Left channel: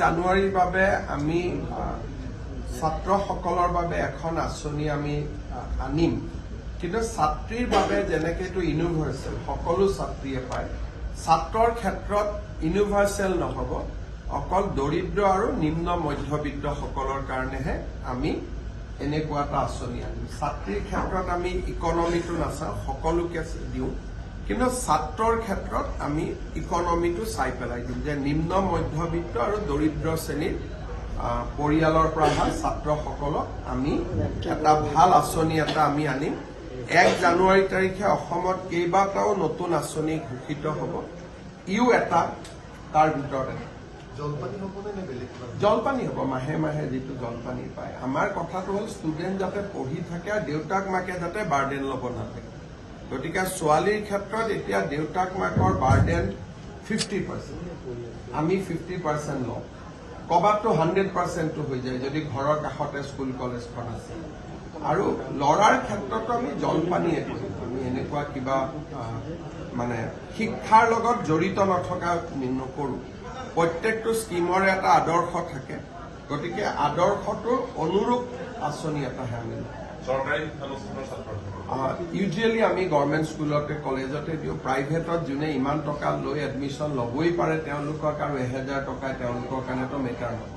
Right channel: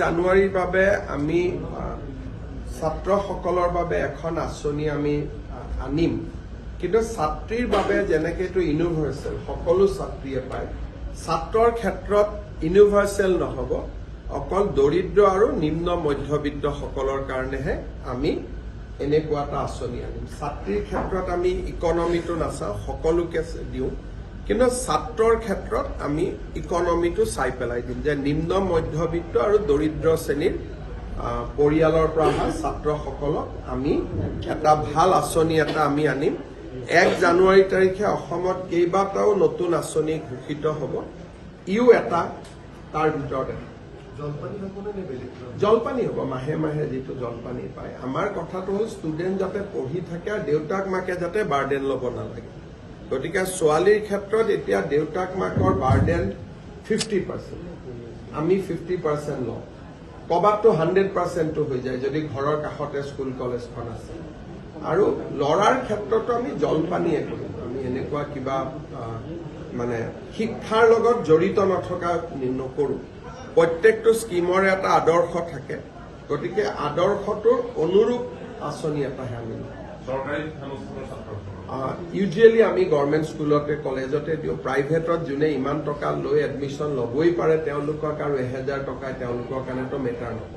জানুৱাৰীৰ বাবে আমি ছাত্ৰসকলৰ বাবে এখন আঁচনি আমি আনিম, কিন্তু ছাত্ৰীৰ বাবে যেনেকৈ এইটো ইউনিভাৰ্চেল সকলো ছাত্ৰীয়ে পায়, ছাত্ৰৰ ক্ষেত্ৰত ইউনিভাৰ্চেল নহ'ব, অকল দৰিদ্ৰ আৰু নিম্ন মধ্যবিত্তসকলৰ কাৰণেহে আমি এনেকুৱা এটা আঁচনি আনিম। ছাত্ৰীৰ ক্ষেত্ৰত আমি ইকনমিটো নাচাওঁ, সকলোকে দিওঁ, কিন্তু ছাত্ৰৰ ক্ষেত্ৰত আমি ইকনমিটো চাই পেলাই দিম যে নিম্ন মধ্যবিত্ত আৰু দৰিদ্ৰ শ্ৰেণীৰ পৰিয়ালৰ পৰা অহা ছাত্ৰসকলক আমি এটা ভাল আঁচনি এটা আমি আনিম। 1 জানুৱাৰী তাৰিখে অসমত কেইবাটাও নতুন আঁচনি ঘোষিত হ'ব, ইও এটা তাৰ ভিতৰত এটা। জলপানী হ'ব, মাহে মাহে যিটো জলপানী পায়। আমাৰ কথাটো হ'ল ষ্টুডেণ্ট যাতে পঢ়ি থাকে আৰু দেউতাক মাকে যাতে বাৰ্ডেন ল'ব নালাগে। গতিকে ছোৱালীৰ ক্ষেত্ৰত এতিয়া দেউতাক মাকৰ বাৰ্ডেন 50%, আমি 50% লওঁ। ক'ৰবাততো 100%টো হৈ যায় যদি ঘৰৰ কাষতে স্কুল কলেজখন আছে। আৰু ল'ৰাৰ ক্ষেত্ৰতো আমি জলপানীয়ে কৰিম, আমি এনেকুৱা কিবা মানে শিক্ষাৰ লগত জড়িত নথকা নকৰোঁ। প্ৰত্যেকটো স্কিমৰে এটা আদৰ্শ থাকে, গতিকে আদৰ্শটোৰ অনুৰূপ আঁচনি এটাহে আমি লওঁ। ইউজুৱেলি আমি গভৰ্ণমেণ্ট স্কুলতে কলেজতে দিওঁ। প্ৰাইভেটত যোনে ইমান টকা লৈ এডমিশ্যন ল'বই পাৰে তেওঁলোকক আৰু 1000 টকাই তেওঁলোকৰ কাৰণেতো মেটাৰ নহয়।